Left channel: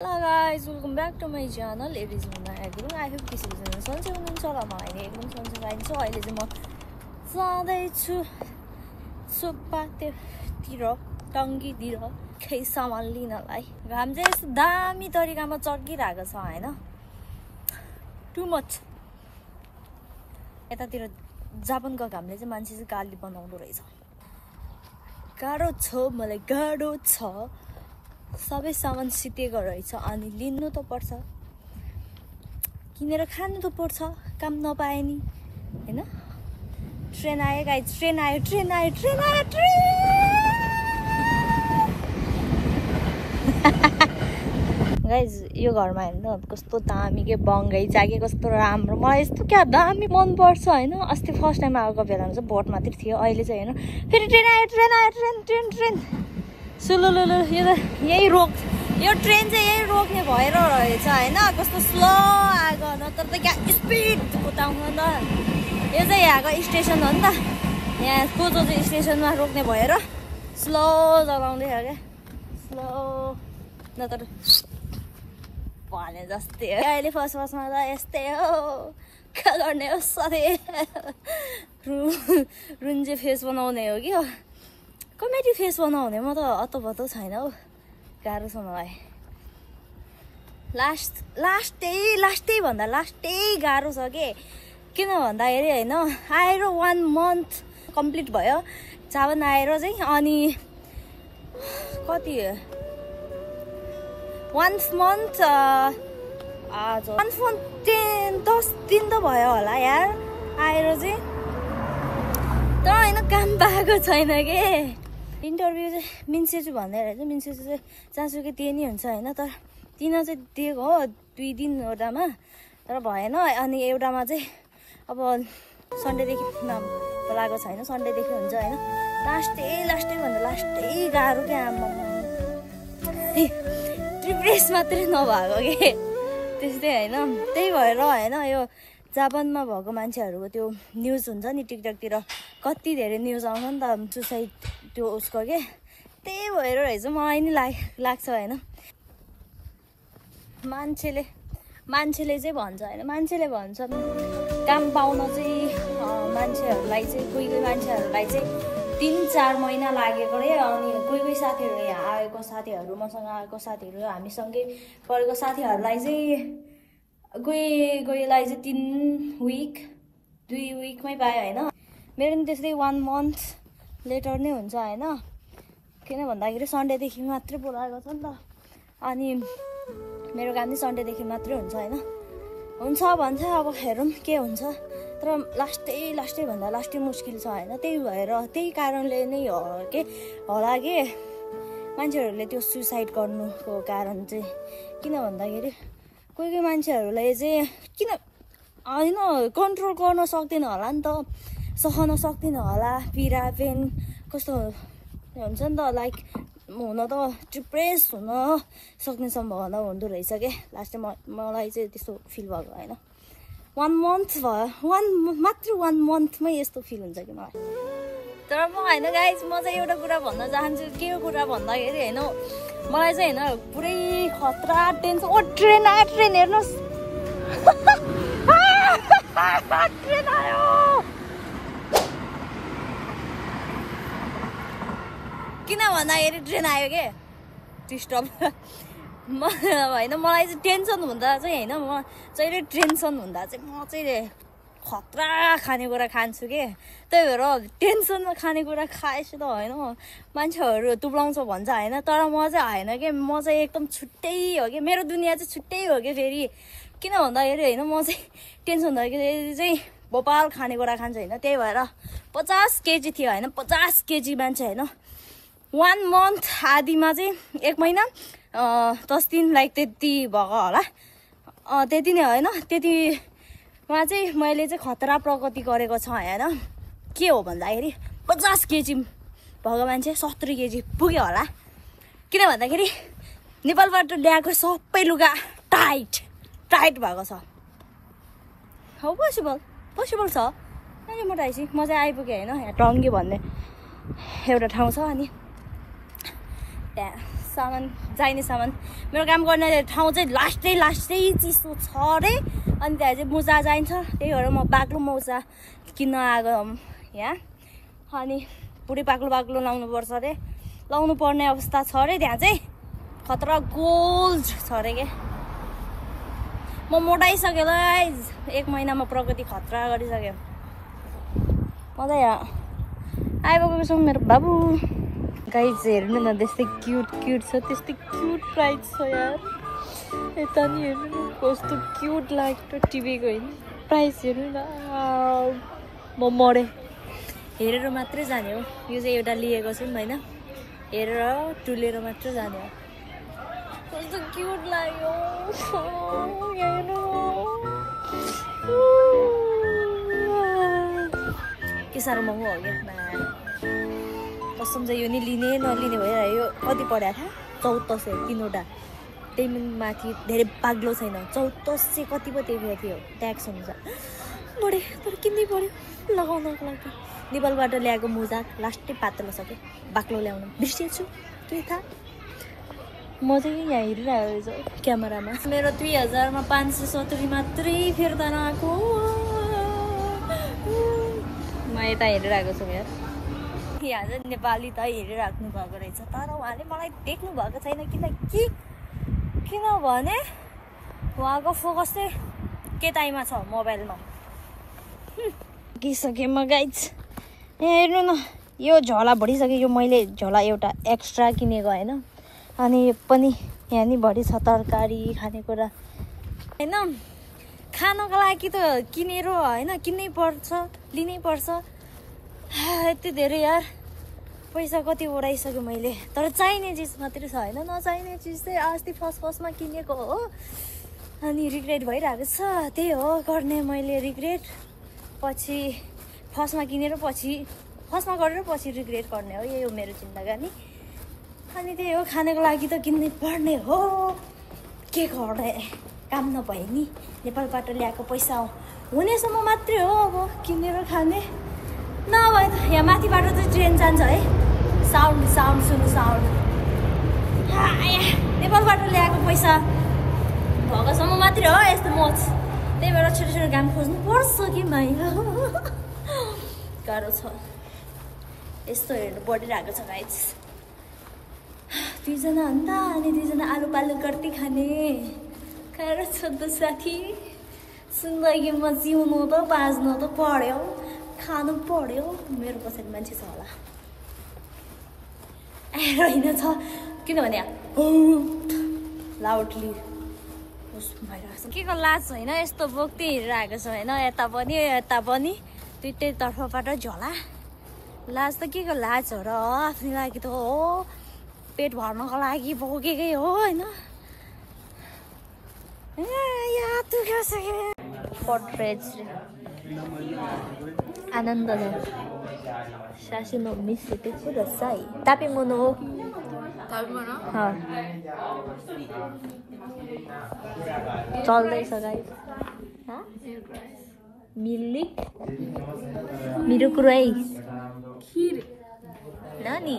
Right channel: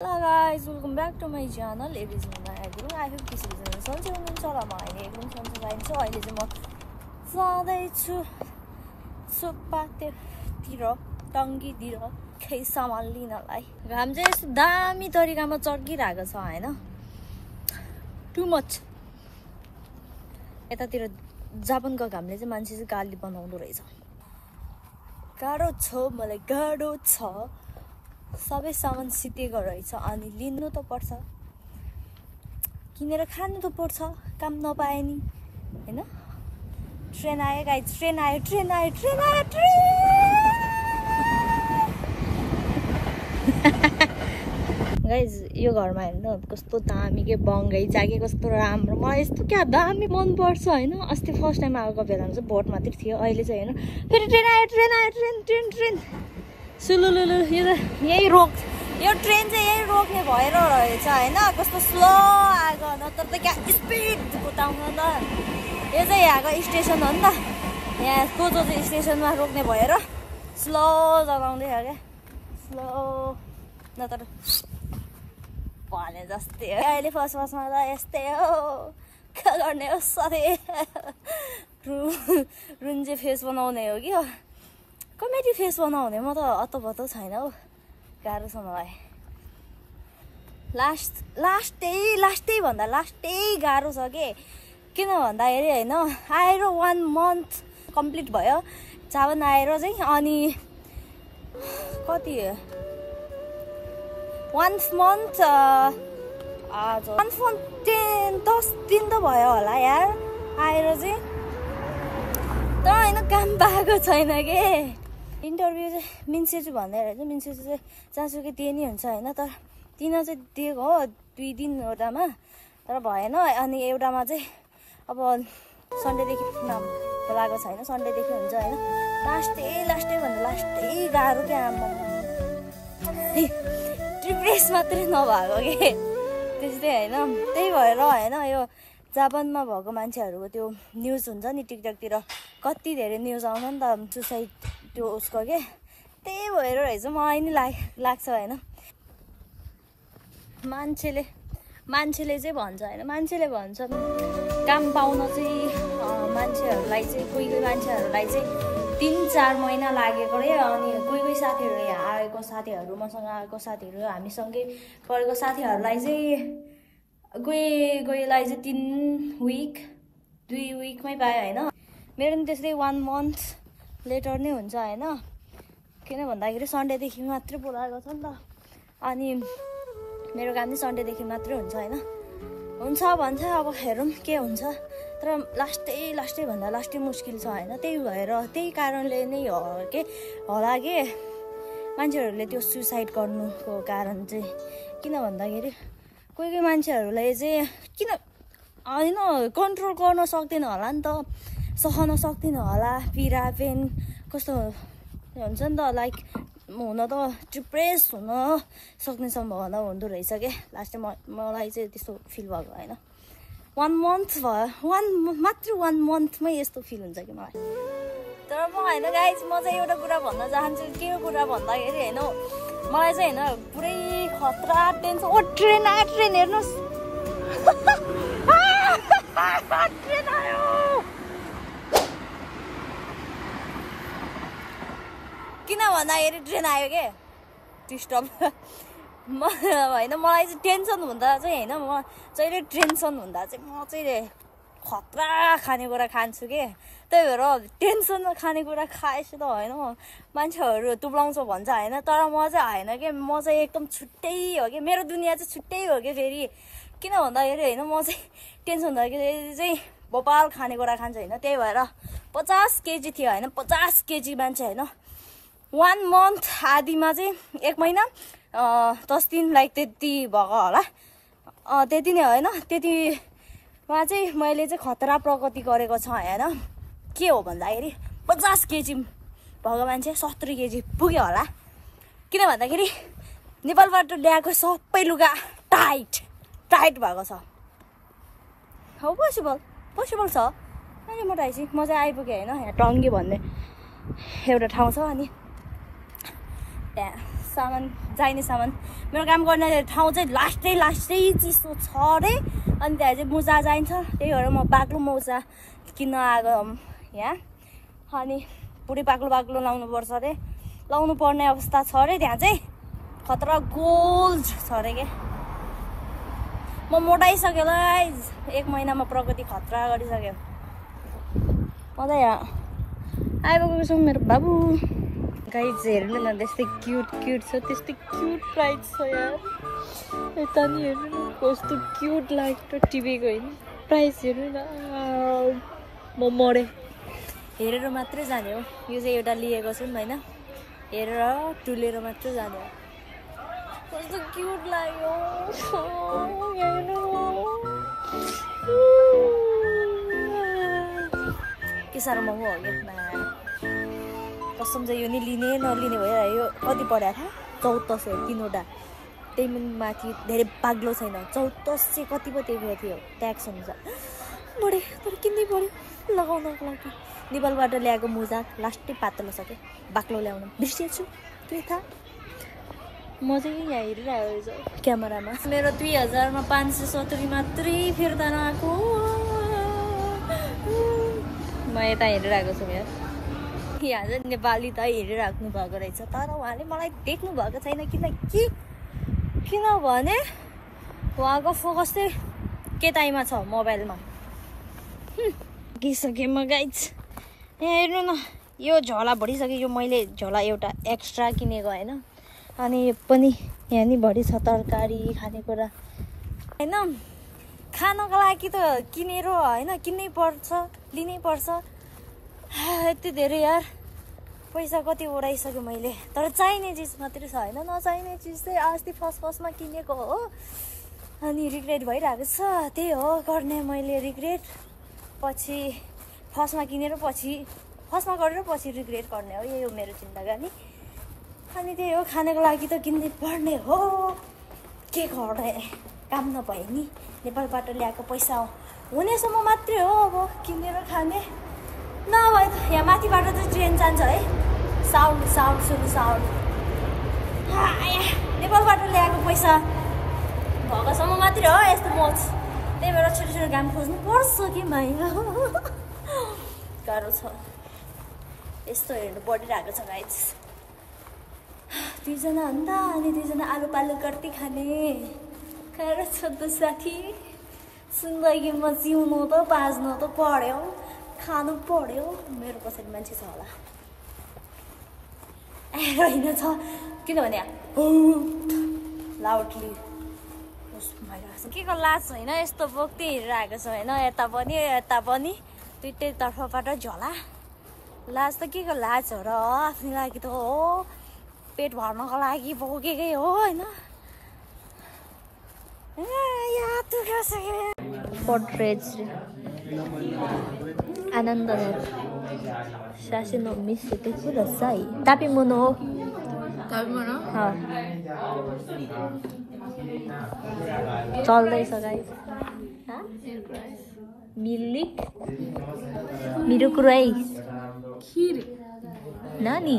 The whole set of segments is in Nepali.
Hello guys, welcome back to my channel. It is Mona Agro. I hope this is a sunshine and solar sunshine so I just जाँदैछु सुपातिर टङ्कीतिर केही सामान लिनलाई घाम चाहिँ यस्तो दामी तरिकामा चर्किरहेको छ हैन टु मच यतातिर जापानको घामले चाहिँ मान्छे चाहिँ गाली बनाउँदो रहेछ गाह्रो छ मलाई गाह्रो छ सबै सामान सितेको रहेछ अनि लिनु त पर्छ किनेर खानु त पर्छ काम नपाए नि हैन ट्रेन आयो गाइस ट्रेन गाइस यो घरमा हेर्नु कस्तो दामी के बङ्गाई जागे कस्तो राम्रो मलाई यस्तो क्या दामी मन पर्छ हैन अस्ति फर्स्ट टाइम आएको बेलामा चाहिँ भोट मात्रै थियो अहिले चाहिँ हैन फेरि ट्रेन सुलुलुलु यही रोक यो ट्रेन चाहिँ यही रोक्ने भएर रहेछ हैन कस्तो स्लो आएको नत्र त क्या स्पिड कुदाउन त यो चाहिँ यहाँको स्टेसन हो नि त यहाँ कोचो चाहिँ स्टेसनमा रोक्ने भएर स्लो चलाउँदै छ क्या स्लो नत्र भने जस्तै हो अहिले फर्स्टमा त यस्तै हो के गर्ने हो सधैँ रुन्जे फेस बनाउने हो कि कमेडी फेस बनाउने म त अत्तोभत्तो छैन हौ गाह्रो छ मलाई लास्टै भन्दा लास्टै गाह्रो छ के किन भन्दाखेरि हैन आएर 1 मन्थ कम्प्लिट भयो जापान आएर चाहिँ अनि कति 1 मन्थ 10 दिन त भयो होला यार आएर चाहिँ तर हैन काम पाएको छैन के इन्टरभ्यू चाहिँ मिन्सेजु भन्दै रहेछ मिन्सेजु चाहिँ जहाँसुकै त्यही नै हुन्छ हैन तर दिन चाहिँ दिएको हो 2 दिन एउटामा तर भएन अनि एउटामा चाहिँ अब सन्डेदेखि नाम लागेको छैन सन्डेदेखि हुन्छ हैन लास्टै भन्दा लास्टै गाह्रो क्या डिप्रेस मात्रै नभएको के त्यस्तै हैन त्यही भएर हैन यो जापानमा भएको मान्छेहरूको त्यो न्युज हुन्छ नि टिकटकतिर कति धेरै न्युज आउँछ नि त सुसाइड त्यो उसको के त्यही भएर रहेछ मलाई नि लाग्छ हैन मान्छेले चाहिँ भन्छ हैन मान्छेले भन्छ काम पाउन चाहिँ मान्छेहरूलाई चाहिँ कोही मान्छेहरूलाई चाहिँ 3-4 महिना लागेको रे अनि कोही साथीहरू यहाँ आएको साथीहरू मसँग आएको साथीहरू हामीसँगै पढेको साथीहरूलाई चाहिँ कोहीलाई चाहिँ 3 विक 2 विकमै पायो हैन मेरो नि त्यस्तै 1 मन्थ लेटर नै हुन्छ हैन किन भन्दाखेरि सन्डेदेखि मात्रै बोलाएको छ नि त अनि मेरो काम चाहिँ सन्डेदेखि मात्रै हुन्छ हैन हुन्छ भन्छ अब हेरौँ के हुन्छ तर लास्टै भन्दा लास्टै मुस्किल छ हैन त्यही भएर त्यही कारणले नै हो के होला के मान्छेहरूले त्यो सुसाइड गर्नुको कारण चाहिँ किन भन्दाखेरि कोही मान्छेहरूलाई चाहिँ किन हैन कन्ट्रोल गर्न सक्दैन होला नि त सहन सक्दैन होला पीडा पेन कस्तो हुन्छ नि त लाइक हुन त डिप्रेस हुन सक्ने सम्भावना हुँदो रहेछ के लास्टमा मलाई चाहिँ त्यस्तो फिल भएको हैन 1 मन्थ भयो मात्र 1 मन्थमै यस्तो फिल हुन्छ कि मलाई तर म हैन गाइस म चाहिँ एउटा कुरा भन्न चाहन्छु के कुरा भन्दाखेरि हैन मलाई चाहिँ हैन पुरै खतरा टेन्सन ओ ट्रेन हेर्नुस् ट्रेन आयो किन भन्दाखेरि ट्रेन आयो के डिस्टर्ब हैन मलाई चाहिँ टेन्सन हुँदा चाहिँ हैन म जहिले टेन्सन हुँदा चाहिँ म चाहिँ खतरा खानेकुरा खान्छु के त्यही भएर टेन्सनमा खानेकुरा खाएछु त हैन मान्छेहरू तुब्लाउँछ भन्छ हैन तर म चाहिँ हैन के म चाहिँ एकदम छुट्टै हो कि मेरो दुनियाँ चाहिँ छुट्टै हो कि फेरि किन भन्दाखेरि हैन म चाहिँ टेन्सन हुँदाखेरि चाहिँ भोपाल खानेकुरा खान्छु हैन त्यही भएर 50 केजी थियो हैन 50 केजी मान्छे हैन 1 मन्थ आदिमा चाहिँ 1 महिना 10 दिन लाइक त्यति भएको होला त्यति नै होइन त्यतिमा चाहिँ मैले चाहिँ खतरा प्रगति गरेको छ होइन के हो भन्दाखेरि 50 केजी भएको मान्छे 70 केजी पुग्यो होला किन भन्दाखेरि नेपालबाट ल्याएको सबै लुगा टाइट भएको छ हाउ पोसिबल छ अहिले मोटाएपछि म चाहिँ आइपुगेँ होइन यहाँ टङ्गी भन्ने एउटा ठाउँ छ अनि त्यहाँ सामान चाहिने सामान मेरो काम गर्ने ठाउँ चाहिँ लास्टै चिसो छ अरे अनि त्यहाँ चाहिँ मोजा चाहिन्छ त्यही भएर म बाक्लो मोजा किन्न आएको यहाँ अनि पुरै बाक्लो लाउनु पर्छ अरे लाउनु पर्ने अवस्था छ अरे त्यहाँ चाहिँ खतरा गोल्ड छ अरे के म मोटाइसक्यो ल 1 महिनामा प्रगति खतरा गरिसक्यो म त यहाँ आइपुगेको छु मेरो बाबु गाइज हेर्नु न त्यस्तै क्युट छ त्यस्तै क्युट प्राइस छ यार यता नि हेर्नु न कस्तो क्युट लाग्छ टिभीको होइन प्राइस हेर्नु न म मरे हेरेर मात्रै जाने हो यो चाहिँ एउटा लिएको छु होइन हेरेर टुलेर मात्रै जाने हो कस्तो क्युट लाग्यो के साह्रो महँगो हो यो कसम चाहिँ यो नि लिने नलिने भइरह्यो कति पर्यो थाहा 1400 3वटा त्यही माथि धेरै बाग्लो छैन 1400 कति पो दिएको थियो ट्याक्स हुन्छ बढे तर किन्नै पर्यो लगाउनको लागि नेपालबाट ल्याएको मोजा लास्टै पातलो छ के बाक्लो ल्याउनु बिर्सेछु के थाहा म चाहिँ यहाँ हेरिरहेको रहेछ क्यामेरामा मेरो 2000 मा 570 मात्रै फिर्ता आएको म यता हेरिरहेको छु यहाँ चाहिँ नेपाली त हेरिराख्नु भएको रहेछ तर उहाँले मलाई देख्नु भएको छैन किनभने उहाँको फोकस चाहिँ केटाइमा छ मोबाइलमा किसकेँ म गाइज हेर्नु न यो झोला भरिसक्यो यो मैले झोला एउटा एक्स्ट्रा किनेको होइन अनि पनि यहाँ नि भरि छ तरकारी खानेकुरा होइन खानको लागि त किनेर होइन किन्नै पर्छ लिनै पर्छ यति धेरै यार पैसा कति उडाइसक्यो मैले तर चाहिने चिज मात्रै छ होइन नचाहिने चिज चाहिँ अस्ति फर्स्टमा किनेको हो अनि रिग्रेट भइरहेको छ त्यही हो गर्ने मैले रिग्रेट पछि फर्स्टमा किनेर पछि फर्स्टमा गरेर पछि रिग्रेट गर्ने हो यही हो मेरो जिन्दगानी अनि त्यही हो खानको लागि त किन्नै पर्ने हो के गर्ने काम नभए नि नेपालबाट ल्याएको पैसा हुनेसम्म मात्रै हो अब किनेर खाने नभए त यहाँ माथिबाट चाहिँ ट्रेन जान्छ है साउन्ड सुन्नु साउन्ड नेपालबाट ल्याएको पैसा भएकोसम्म मात्रै हो यस्तो मोच त्यही भएर छोटो काम खोज्नु पर्छ कि होइन गाह्रो छ यस्तो हेर्नु बढिरहेको छ गाइज 2 जना अन्त अनि 2 जना आलु पालु गर्दै खाने गाह्रो छ त साथी जिन्दगीमा जिउनु त बाँच्नु त पर्यो खानु पर्यो मेरो पछाडि मान्छे छ होला होइन छ किनभने लाउडली के को लाज होइन यस्तो बोक्दै हेरिरहेको छ होइन यता पनि दुइटै तर्फबाट झोला लाज त के को लाज हो र आफ्नो लागि त हो पेट भर्नको लागि बोकेकै हो होइन आनन्द सासी मम्मी सुटेको रसाई तापी मुनो हो चल्दैछ गाइस मिरो कुरै खीर नानी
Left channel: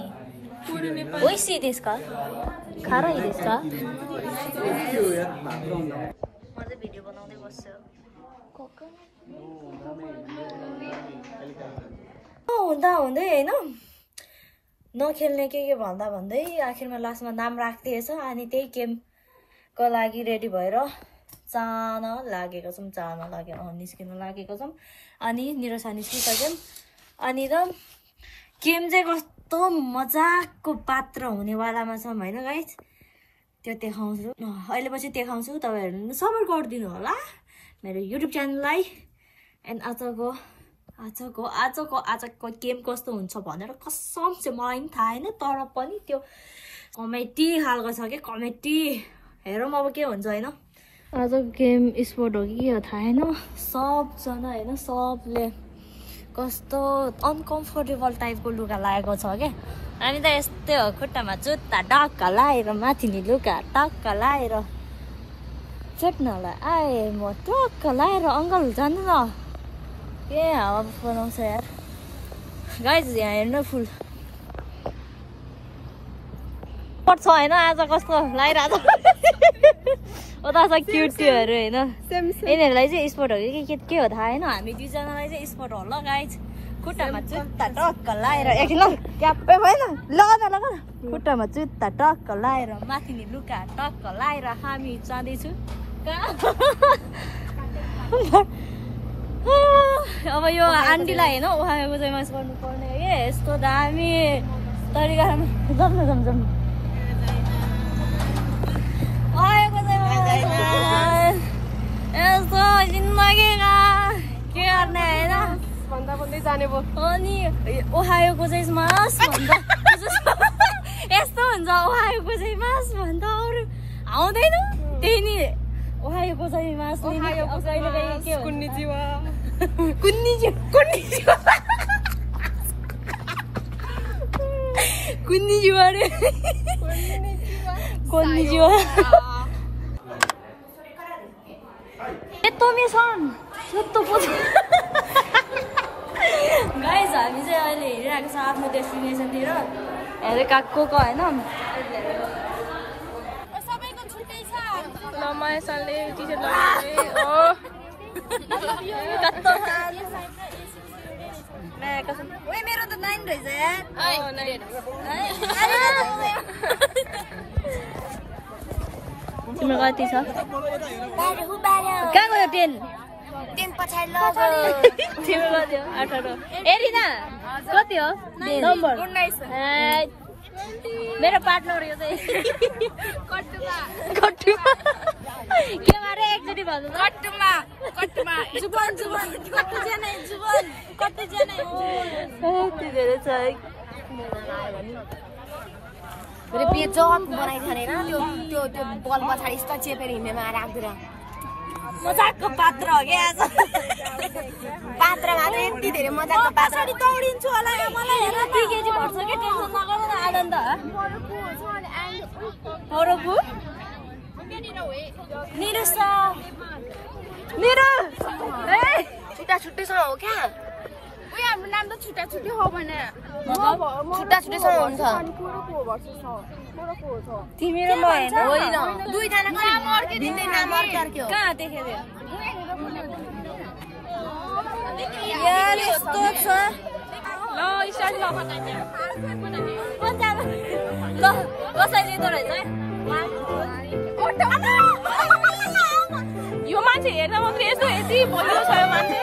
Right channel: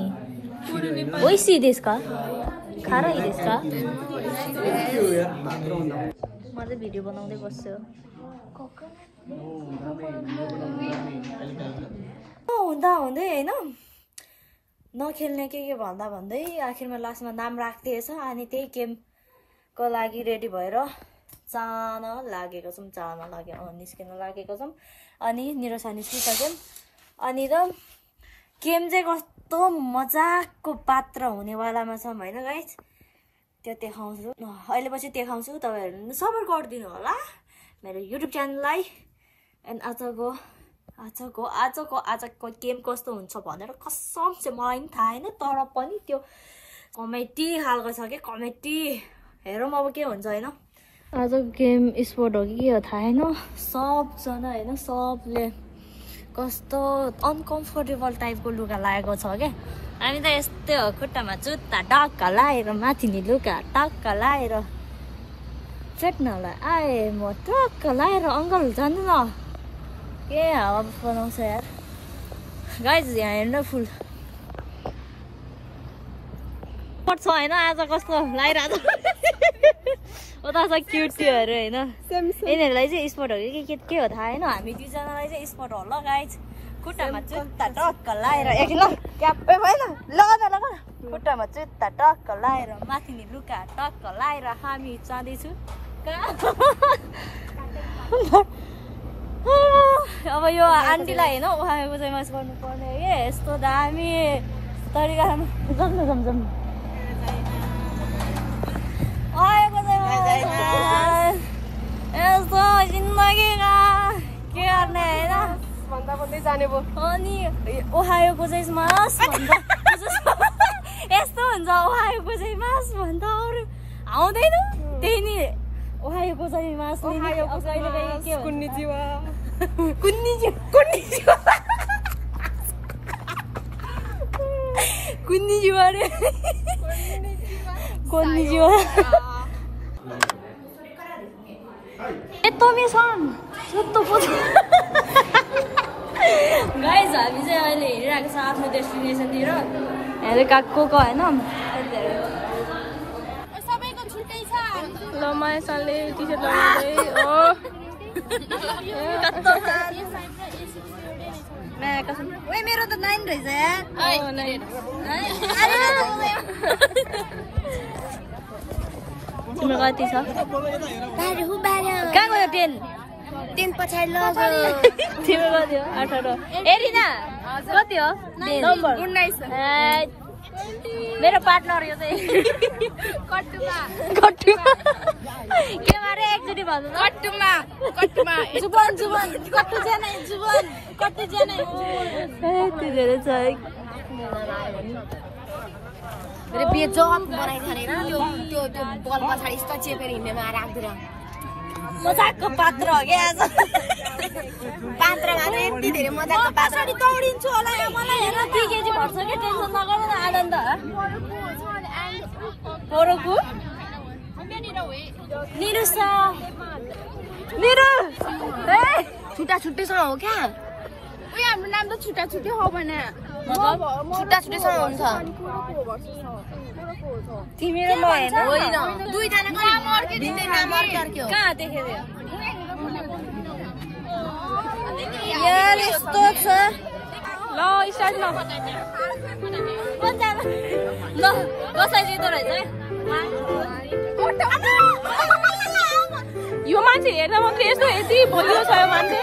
ओइसी देश का खारा देश का म चाहिँ भिडियो बनाउँदै बस्छु हुँदा हुँदै होइन नखेल्ने के भन्दै आखिरमा लास्टमा नाम राखिदिएछ अनि त्यही गेमको लागि रेडी भएर जान लागेको छौँ निस्किन लागेको छौँ अनि निरसा निस्किसक्यौँ अनि त गेम चाहिँ कस्तो मजाको पात्र हुनेवालामा छौँ होइन गाइस त्यो देखाउँछु अहिले पछि देखाउँछु तपाईँहरूले सपोर्ट गरिदिनु होला मेरो युट्युब च्यानललाई एन्ड आजको गेम कस्तो हुन्छ भनेर कसम चाहिँ मलाई पनि थाहा होइन तर पनि त्यो कमेडी खालको छ क्या कमेडी हेरौँ अब के हुन्छ होइन आज गेम स्पोर्ट हो कि के हो थाहा होइन सबजना होइन सबले कस्तो अनकम्फर्टेबल टाइपको लुगा लागेको छ क्या हामी त यस्तै हो खुट्टामा जुत्ता टक्क लाएर माथिनी लुगा टक्क लाएर चेट्नलाई आए म टक्क लाएर अङ्कल जानु न के हावा बनाउँछ यार गाइज यहाँ हेर्नु फुल छ हैन आज कस्तो लागिरहेको छ उता छ क्युटीहरु हैन यिनीहरुलाई चाहिँ स्पोर्ट हो कि के हो थाहा हैन हामी दुईजनालाई चाहिँ स्पोर्ट हो ल गाइज खुट्टामा जुत्ता टक्क लाएर एकल क्यापै भएन लगा खुट्टामा जुत्ता टक्क लाएर माथिले लुगा टक्क लाएर हामी जाँदैछु अब यो आन्टीलाई हैन उहाँको चाहिँ मास गर्नु पर्ने हो यस्तो दामी तरिकामा जम्नु आएको चाहिँ यस्तो जिन्दगीमा के गर्ने हैन भन्दा भन्दै जाने भयो अनि ओहायोको चाहिँ मास भन्दा यस्तो हुन्छ ओहायोको चाहिँ मास भन्दा अरू आउँदैन त्यही नि ओहायोको चाहिँ मास कुन्निजिवा रे कुन्निजिवा गाइज हामी चाहिँ अहिले हिँडिरहेको छ आफ्नो डेस्टिनेसनतिर अरे काकुको होइन लमाइसले टी-सर्ट लगाउँदै ओ ओए मेरो त 9 रहेछ यार तिम्रो कति छ कहाँ गयो 10 पछाडि लग तिम्रो कति हो 18 एरिना कति हो नम्बर 19 मेरो पार्टनर यो चाहिँ कट्टुमा के मारे एक्चुअली भन्नु कट्टुमा जुबन कट्टु जाने यति धेरै छ मेरो बेजत बनाइ खानेर त्यो बल पछाडि यस्तो चेपेर हिँड्नेमा राख्दिन मजाकको पात्र हो क्या आज पात्र मात्रै यति धेरै मजाकको पात्र दौडिन्छु होला मलाई हेर 2 केजी भर्छ के टेन्सन नगर्नु न आनन्द अरूको मेरो छुट्टा छुट्टै छ हो क्या उयो हाम्रो नाम त छुट्टा छुट्टै हो भन छुट्टा छुट्टै छ हुन्छ तिमी र म होइन दुईजना नाम अर्कै दिँदै नाम अर्कै कहाँ देखे यस्तो छ ल स्टार्टमा ल कसरी लिँदो रहेछ यो मान्छे हेर्दा मात्रै यस्तो यति भइयो छ यो मान्छे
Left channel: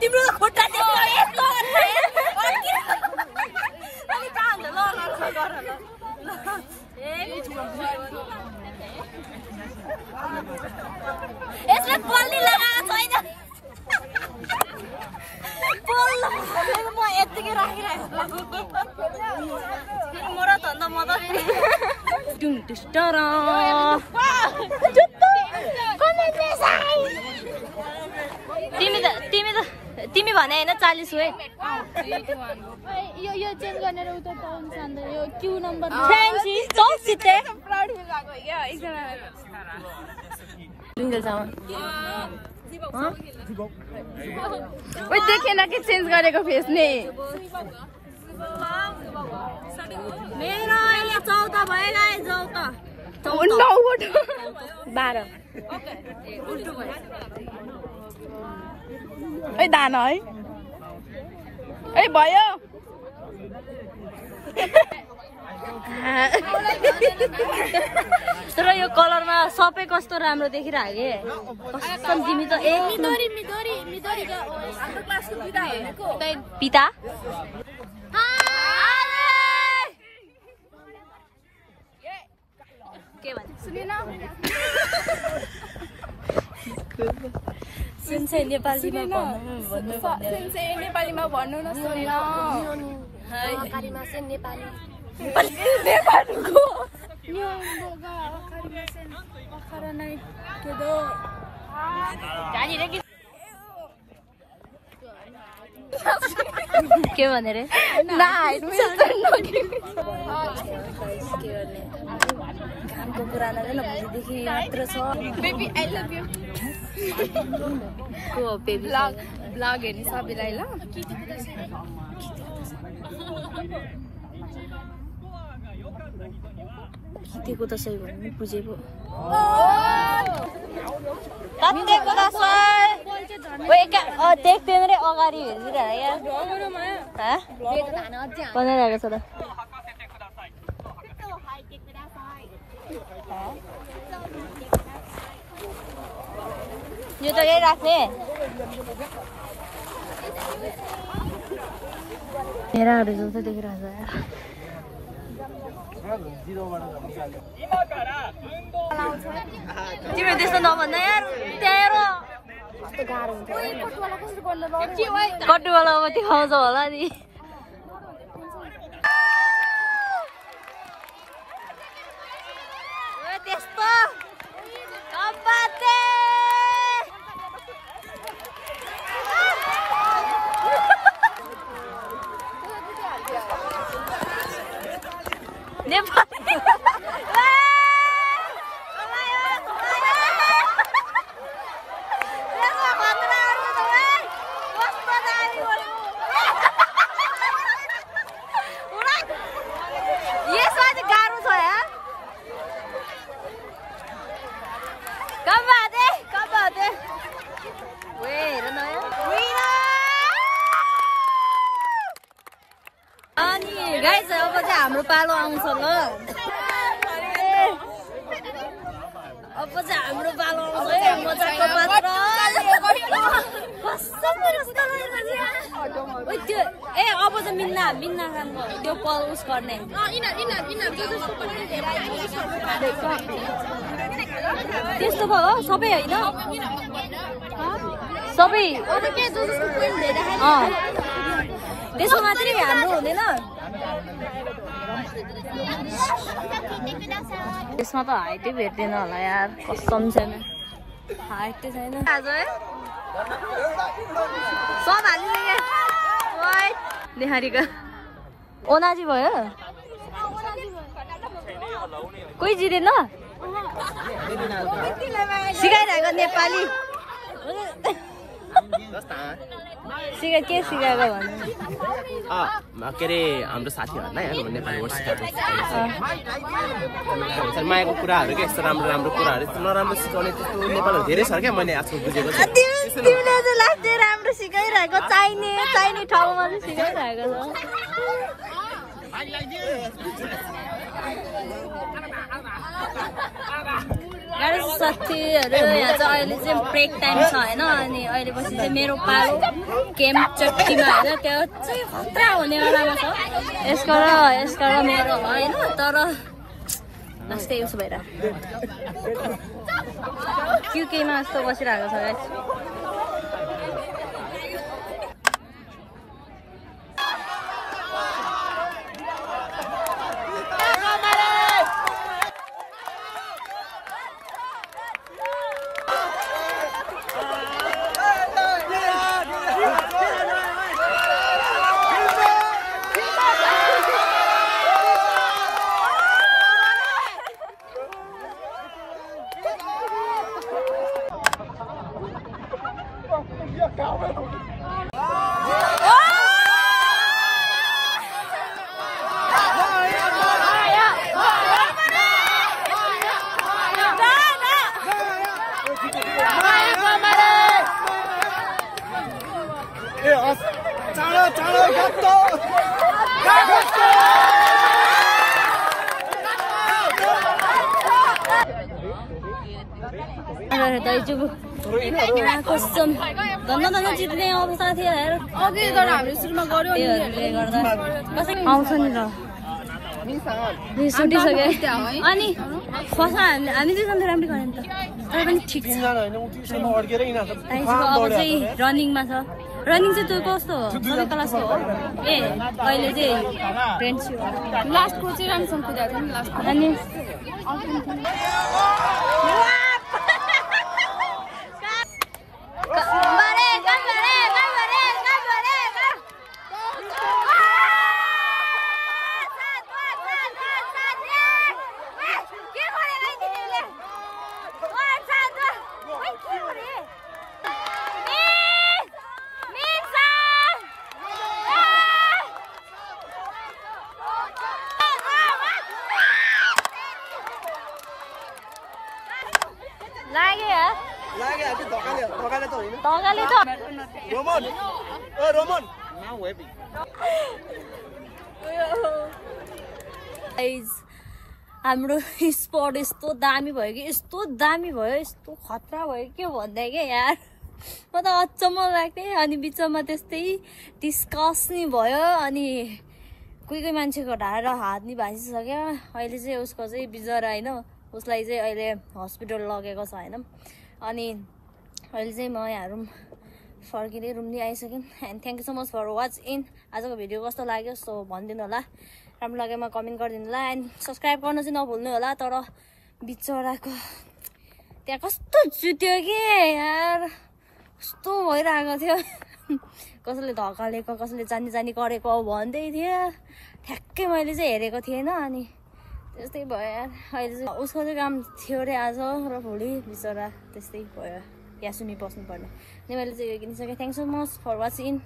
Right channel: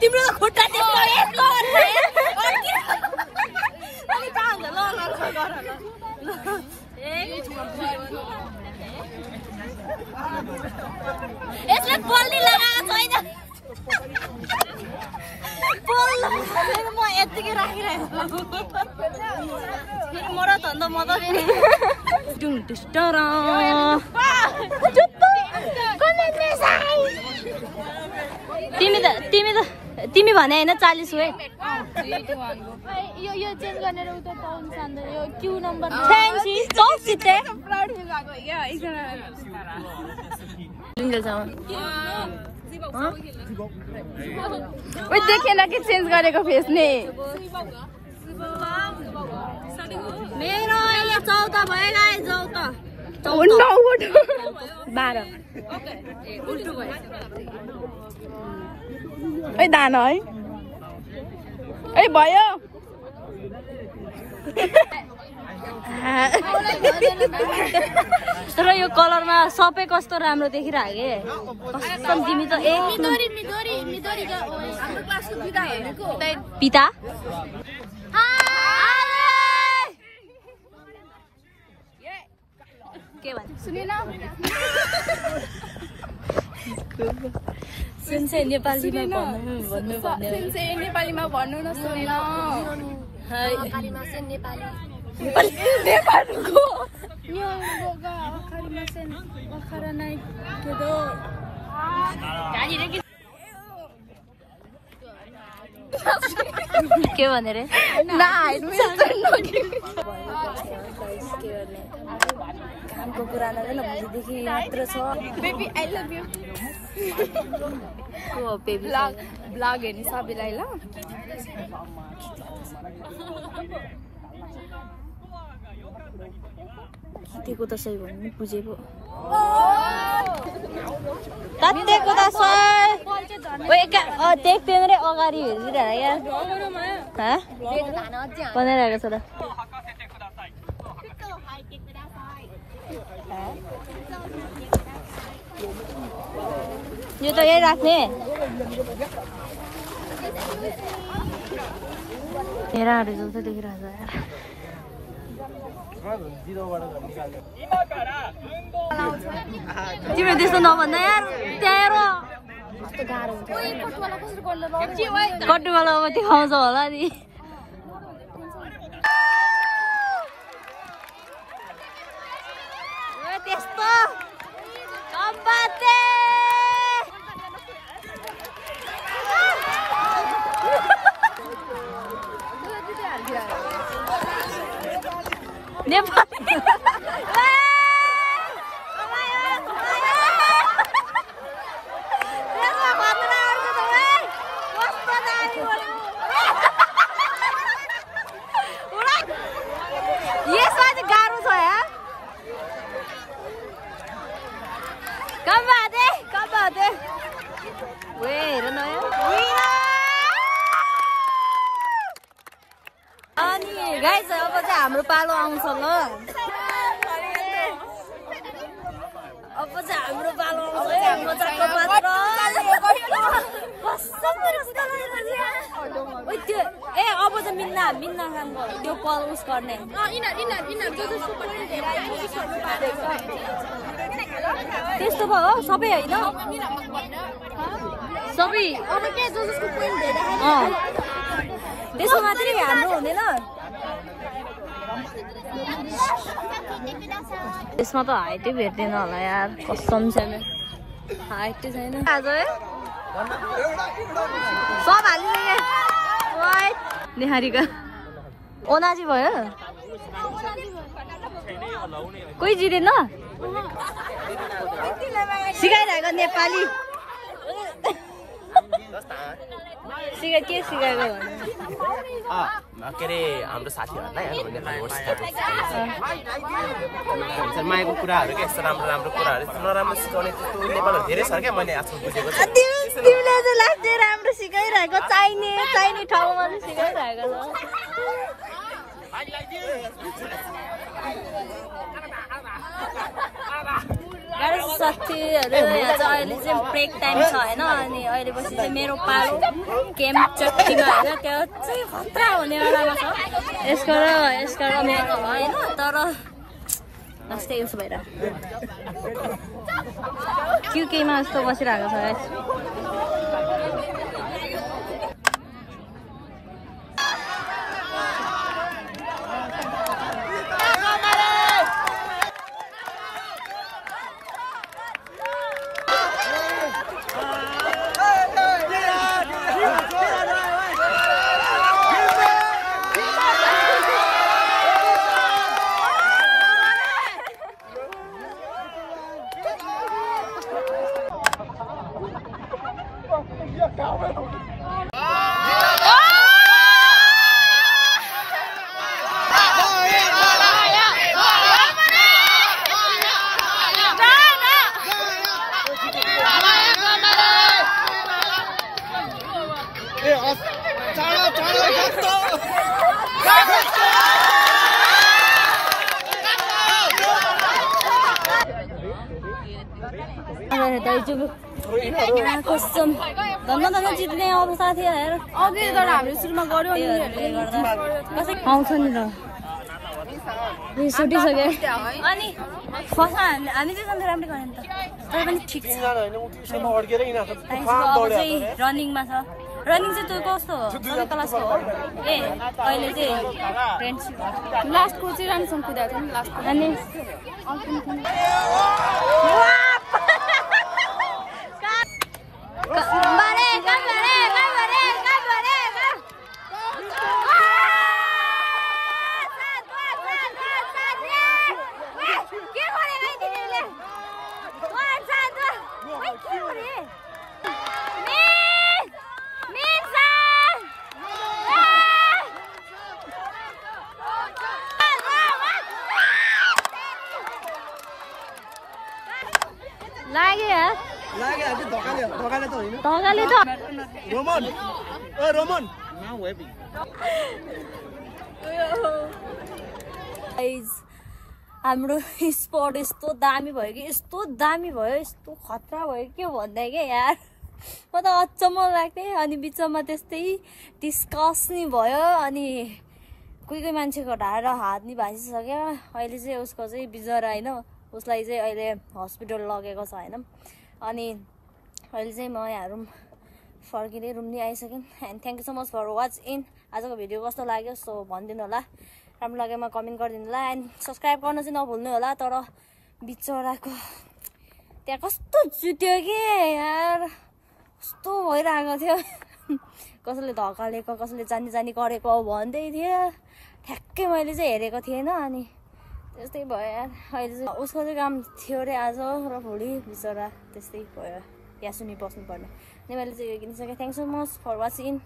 तिम्रो त खुट्टा यसले पल्ली लगाएको छैन म यतिकै राखिरहेको फेरि मर त अन्त म त तिमी भने होइन 40 हो है देखेन कि चेन्ज गरेको फेस नि मेरो अहिले 14 भयो गाइस 12 उल्टो भयो ए दान है ए भयो तर यो कलरमा सबै कस्तो राम्रो देखिरहेको कसम तिमी त एक पिता के भन्छ सुनेन सुन्छ नेपालीमा भन्नु न सुन के के भनेर घामको कुरा नगर्नु भोलिदेखि मात्र छ बेबी आई लभ यु को बेबी लग हेर्ने सबैलाई ल खिचेको त सही भन्नु बुझेको तातेको त सही देख तिमीले अगाडि हेरिरहेको बनाइरहेको छ त यो त यही राख्ने हेराहरू जस्तो देखिरहेको छ तिमीले त्यस्तो नभन्दा यार तेरो कटुवाला अब देखाउँछ होला नि त्यस्तो नेपाली यसमा चाहिँ गाह्रो छ यार कम्बादे हेर न अनि गाइस अब चाहिँ हाम्रो पालो आउँछ ल अब चाहिँ हाम्रो पालो आउँछ मजाको पात्र त्यो ए अब चाहिँ मिन्ना खानको त्यो पलउस गर्ने त्यस्तो भयो सबै होइन सबै त्यसको मात्रै हाम्रो हुँदैन यसमा त हाइटै भेट्दैन होला यार कसम छैन हाइटै छैन आज सब हालिदिए निहारीका ओनाजी भयो कोही जितेन सिकाइरहेको नेपाली के सिकाएको भन्नु के अरे हाम्रो साथीहरूलाई नेपाली वर्ड सिकाएको मायाको कुराहरू के यस्तो राम्रो राम्रो कुराहरू यस्तो नराम्रो सिकाउने त्यस्तो नेपाली धेरै छ क्या मैले आजकल बुझेको छु राम्रो सिकाइरहेको चाहिने ठाउँमा सिकाइरहेको गाह्रो साथीहरू यहाँ चाहिँ अहिले चाहिँ ब्रेक टाइम छ होइन अनि अहिले पछि चाहिँ मेरो पालो गेम चट्टीमा होइन त्यो चाहिँ खतरा हुने बेलामा छ यसको र मेरो होइन तर जस्तै युज भएर केमा जस्तो बसिरहेको छ गाइस धन्दा जित्ने अब साथीहरू आउँछ नि त रिसुटिसक्यो अनि खसा हामी दुईजना राम्रै खाने त तर पनि ठिक छ अब चाहिँ रनिङमा छ रनिङ चाहिँ त्यो कस्तो हो सबै क्लासको हो ए अहिले चाहिँ फ्रेन्डसिप लास्टको चाहिँ राम्रोसँग कुदाएको नि लास्ट अनि लाग्यो यार लाग्यो आज ढकाले त होइन ढकाले त रोमन ओ रोमन गाइज हाम्रो स्पट यस्तो दामी भयो कि यस्तो दामी भयो यस्तो खतरा भयो के भन्दा क्या यार म त अचम्म लाग्थेँ अनि बिचमा त्यस्तै डिस्कस नि भयो अनि कोही मान्छेको ढाड हात नि भाँचिसक्यो अहिले चाहिँ उसको चाहिँ बिजरा होइन उसलाई चाहिँ अहिले हस्पिटल लगेको छ होइन अनि अहिले चाहिँ म यहाँ रुम फर्किँदै रुम नि आइसक्यौँ and thank you so much for watching आजको भिडियो कस्तो लाग्यो सो भनिदिनु होला राम्रो लागेमा कमेन्ट गरिदिनु होला एन्ड सब्सक्राइब गर्न चाहिँ नभुल्नु होला तर बिचराको त्यहाँ कस्तो जुट्यो कि यार कस्तो भइरहेको थियो कसैले धकालेको कसैले जानी गरेको भन्दै थियो ठ्याक्कै मैले चाहिँ हेरेको थिएन अनि त्यस्तै भयो यार अहिले चाहिँ उसको चाहिँ काम थियो अरे आज र भोलि बिचरा त्यस्तै भयो यहाँ सुनि बस्नुपर्ने अनि मैले चाहिँ यो किनिसकेँ thank so much for watching